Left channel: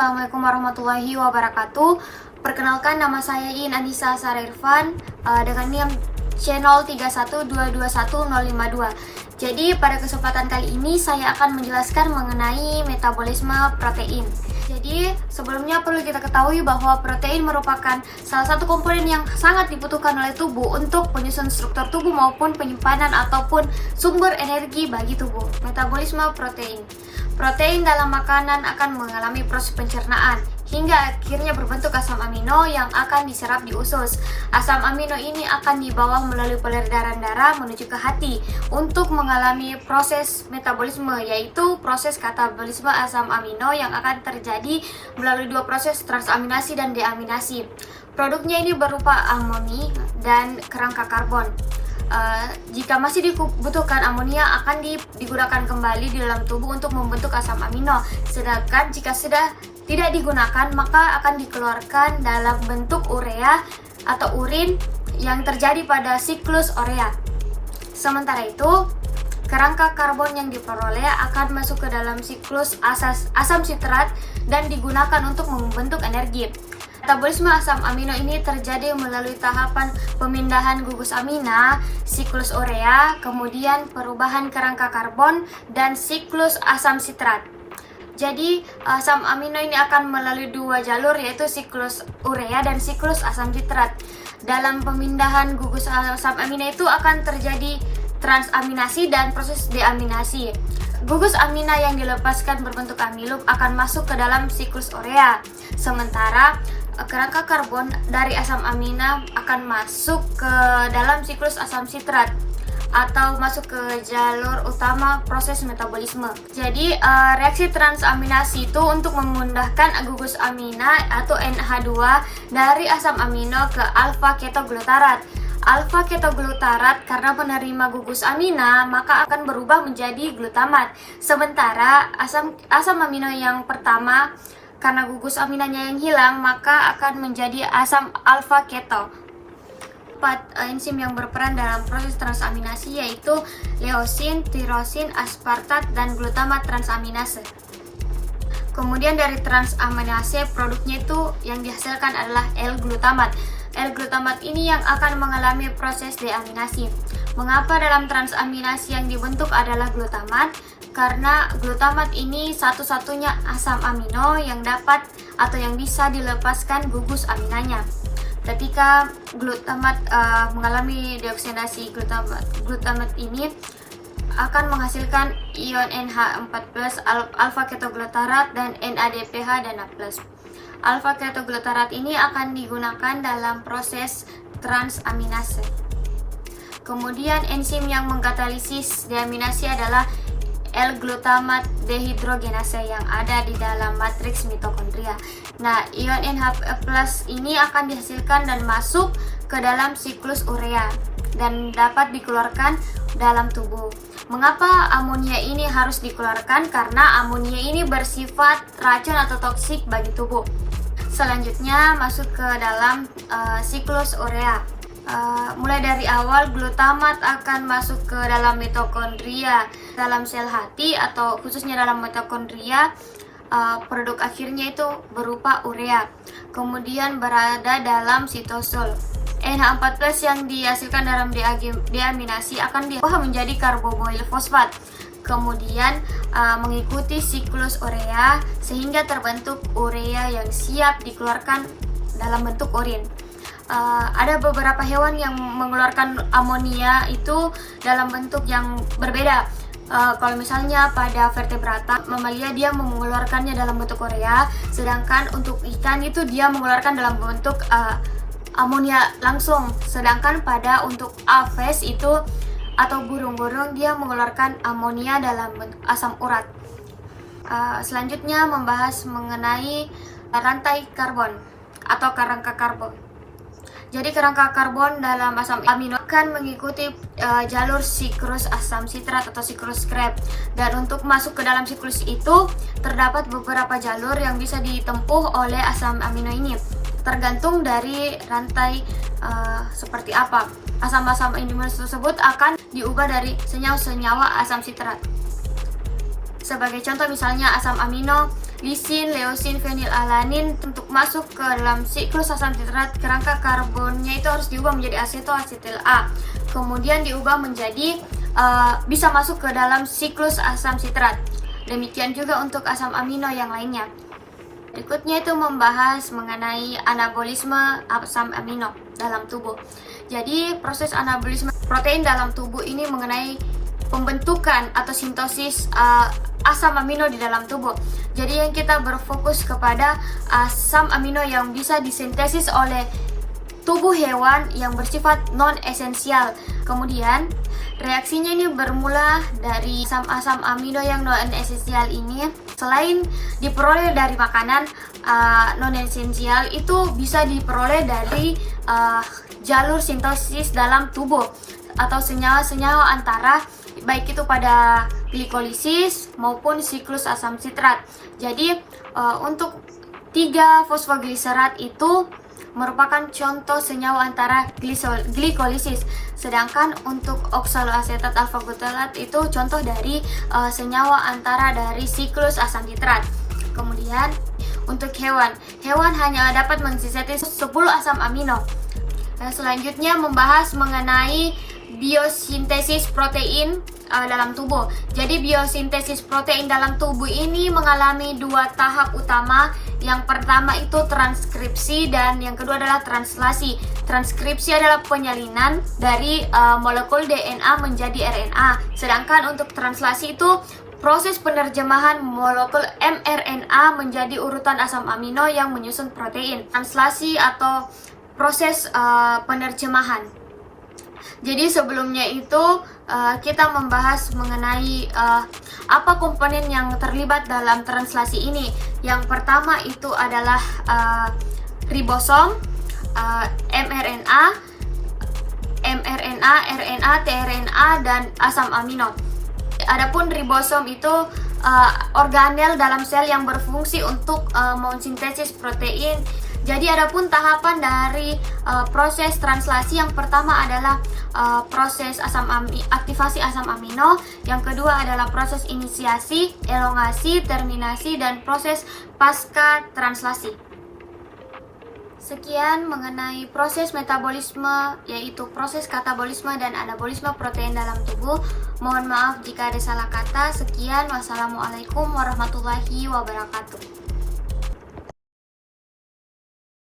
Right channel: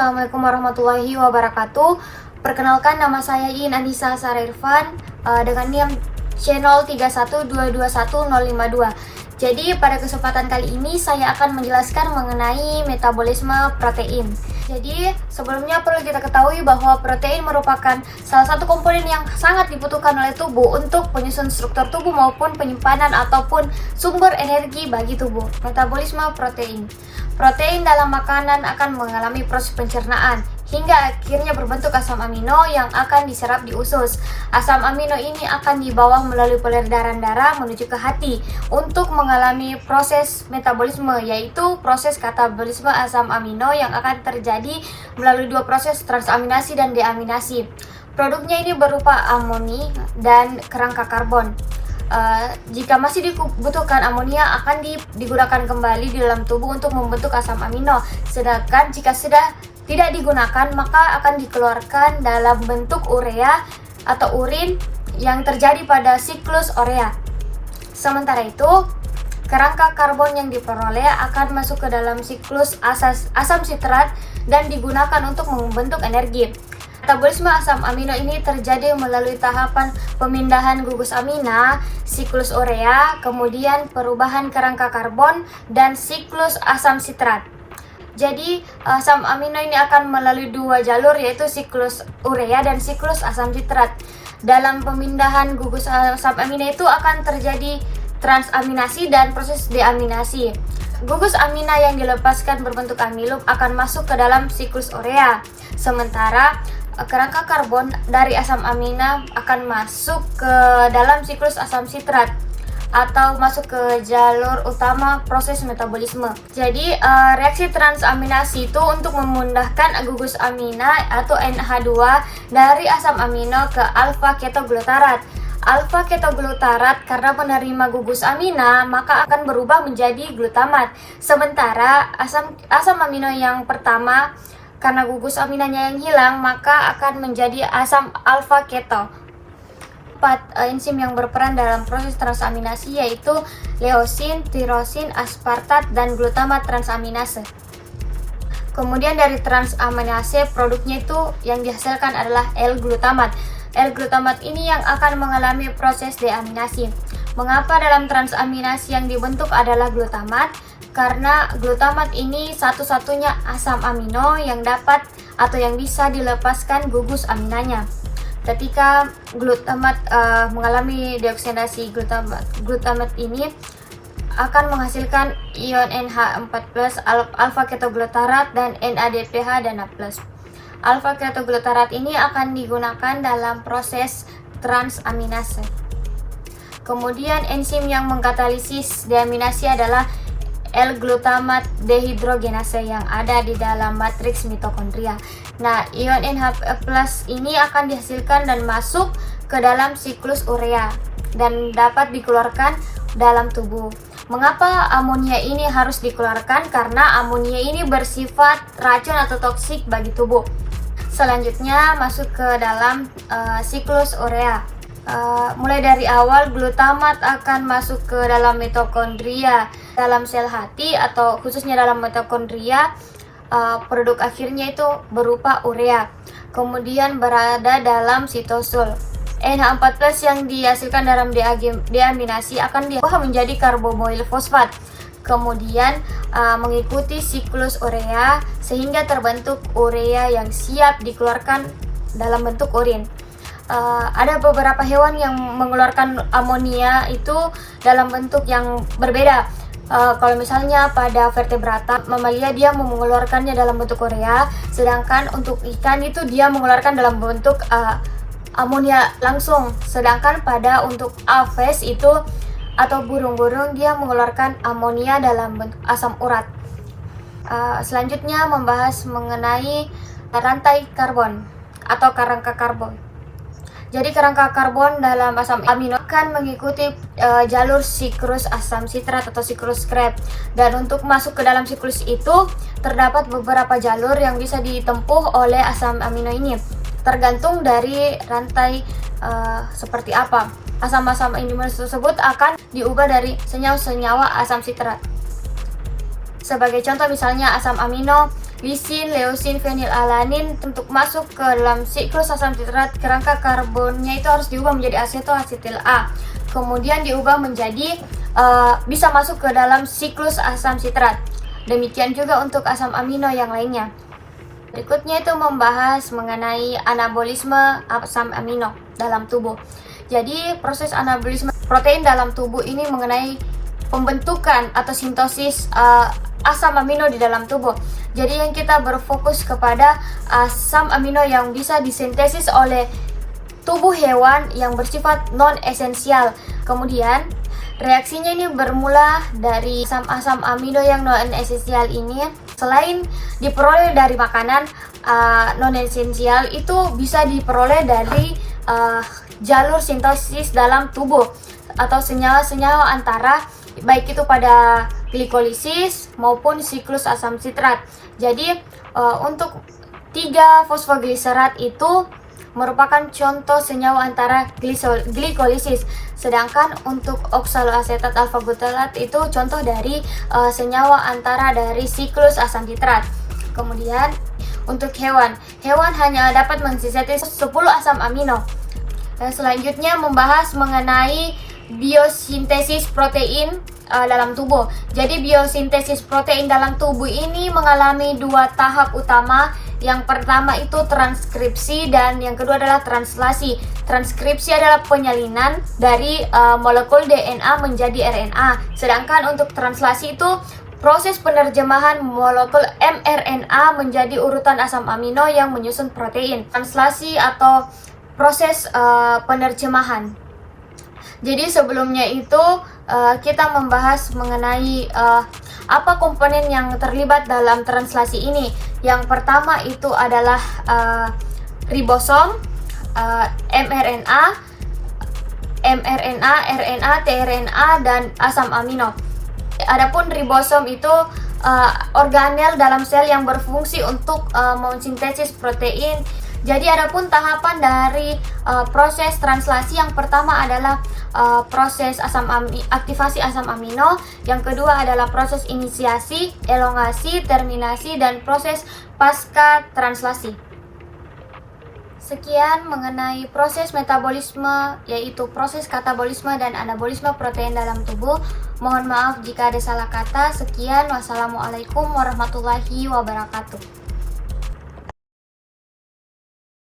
Assalamualaikum warahmatullahi wabarakatuh. Perkenalkan, nama saya Iin Anissa Sarervan dengan NIM channel 312210052. Jadi pada kesempatan kali ini saya akan menjelaskan mengenai metabolisme protein. Jadi sebelumnya perlu kita ketahui bahwa protein merupakan salah satu komponen yang sangat dibutuhkan oleh tubuh untuk penyusun struktur tubuh maupun penyimpanan ataupun sumber energi bagi tubuh. Metabolisme protein. Protein dalam makanan akan mengalami proses pencernaan hingga akhirnya berbentuk asam amino yang akan diserap di usus. Asam amino ini akan dibawa melalui peredaran darah menuju ke hati untuk mengalami proses metabolisme, yaitu proses katabolisme asam amino yang akan terjadi melalui dua proses transaminasi dan deaminasi. Produknya ini berupa amoni dan kerangka karbon. Jika masih dibutuhkan, amonia akan digunakan kembali di dalam tubuh untuk membentuk asam amino. Sedangkan jika sudah tidak digunakan, maka akan dikeluarkan dalam bentuk urea atau urin yang terjadi pada siklus urea. Sementara itu, kerangka karbon yang diperoleh akan masuk ke dalam siklus asam sitrat dan digunakan untuk membentuk energi. Metabolisme asam amino ini terjadi melalui tahapan pemindahan gugus amina, siklus urea, kemudian perubahan kerangka karbon, dan siklus asam sitrat. Jadi asam amino ini akan melalui dua jalur, yaitu siklus urea dan siklus asam sitrat. Dalam pemindahan gugus asam amino itu akan terjadi transaminasi dan proses deaminasi. Gugus amina yang dilepaskan berbentuk amilum akan masuk ke dalam siklus urea. Sementara kerangka karbon dari asam amina akan masuk ke dalam siklus asam sitrat atau masuk ke jalur utama proses metabolisme. Jadi reaksi transaminasi itu untuk memudahkan gugus amina atau NH2 dari asam amino ke alfa ketoglutarat. Alfa ketoglutarat karena menerima gugus amina maka akan berubah menjadi glutamat. Sementara asam amino yang pertama karena gugus aminanya yang hilang maka akan menjadi asam alfa keto. 4 enzim yang berperan dalam proses transaminasi yaitu leusin, tirosin, aspartat, dan glutamat transaminase. Kemudian dari transaminase produknya itu yang dihasilkan adalah L-glutamat. L-glutamat ini yang akan mengalami proses deaminasi. Mengapa dalam transaminasi yang dibentuk adalah glutamat? Karena glutamat ini satu-satunya asam amino yang dapat atau yang bisa dilepaskan gugus aminanya. Ketika glutamat mengalami deoksidasi, glutamat ini akan menghasilkan ion NH4+, alfa ketoglutarat, dan NADPH dan NA+. Alfa ketoglutarat ini akan digunakan dalam proses transaminase. Kemudian enzim yang mengkatalisis deaminasi adalah L-glutamat dehidrogenase yang ada di dalam matriks mitokondria. Nah, ion NH+ ini akan dihasilkan dan masuk ke dalam siklus urea dan dapat dikeluarkan dalam tubuh. Mengapa amonia ini harus dikeluarkan? Karena amonia ini bersifat racun atau toksik bagi tubuh. Selanjutnya masuk ke dalam siklus urea. Mulai dari awal glutamat akan masuk ke dalam mitokondria dalam sel hati atau khususnya dalam mitokondria. Produk akhirnya itu berupa urea, kemudian berada dalam sitosul. NH4+ yang dihasilkan dalam deaminasi akan diubah menjadi karbomoil fosfat, kemudian mengikuti siklus urea sehingga terbentuk urea yang siap dikeluarkan dalam bentuk urin. Ada beberapa hewan yang mengeluarkan amonia itu dalam bentuk yang berbeda. Kalau misalnya pada vertebrata, mamalia dia mengeluarkannya dalam bentuk urea, sedangkan untuk ikan itu dia mengeluarkan dalam bentuk amonia langsung. Sedangkan pada untuk aves itu atau burung-burung dia mengeluarkan amonia dalam bentuk asam urat. Selanjutnya membahas mengenai rantai karbon atau kerangka karbon. Jadi kerangka karbon dalam asam amino akan mengikuti jalur siklus asam sitrat atau siklus Krebs. Dan untuk masuk ke dalam siklus itu terdapat beberapa jalur yang bisa ditempuh oleh asam amino ini. Tergantung dari rantai seperti apa. Asam-asam amino tersebut akan diubah dari senyawa-senyawa asam sitrat. Sebagai contoh misalnya asam amino lisin, leusin, fenilalanin untuk masuk ke dalam siklus asam sitrat, kerangka karbonnya itu harus diubah menjadi asetoasetil A. Kemudian diubah menjadi bisa masuk ke dalam siklus asam sitrat. Demikian juga untuk asam amino yang lainnya. Berikutnya itu membahas mengenai anabolisme asam amino dalam tubuh. Jadi proses anabolisme protein dalam tubuh ini mengenai pembentukan atau sintesis asam amino di dalam tubuh. Jadi yang kita berfokus kepada asam amino yang bisa disintesis oleh tubuh hewan yang bersifat non-esensial. Kemudian reaksinya ini bermula dari asam amino yang non-esensial ini. Selain diperoleh dari makanan, non-esensial itu bisa diperoleh dari jalur sintesis dalam tubuh atau senyawa-senyawa antara baik itu pada glikolisis maupun siklus asam sitrat. Jadi untuk 3 fosfogliserat itu merupakan contoh senyawa antara glikolisis, sedangkan untuk oksaloasetat alfa butalat itu contoh dari senyawa antara dari siklus asam sitrat. Kemudian untuk hewan hanya dapat mensintesis 10 asam amino. Dan selanjutnya membahas mengenai biosintesis protein dalam tubuh. Jadi biosintesis protein dalam tubuh ini mengalami 2 tahap utama. Yang pertama itu transkripsi dan yang kedua adalah translasi. Transkripsi adalah penyalinan dari molekul DNA menjadi RNA. Sedangkan untuk translasi itu proses penerjemahan molekul mRNA menjadi urutan asam amino yang menyusun protein. Translasi atau proses penerjemahan. Jadi sebelumnya itu kita membahas mengenai apa komponen yang terlibat dalam translasi ini. Yang pertama itu adalah ribosom, mRNA, RNA, tRNA, dan asam amino. Adapun ribosom itu organel dalam sel yang berfungsi untuk mensintesis protein. Jadi adapun tahapan dari proses translasi, yang pertama adalah proses aktivasi asam amino, yang kedua adalah proses inisiasi, elongasi, terminasi, dan proses pasca translasi. Sekian mengenai proses metabolisme, yaitu proses katabolisme dan anabolisme protein dalam tubuh. Mohon maaf jika ada salah kata. Sekian, wassalamualaikum warahmatullahi wabarakatuh.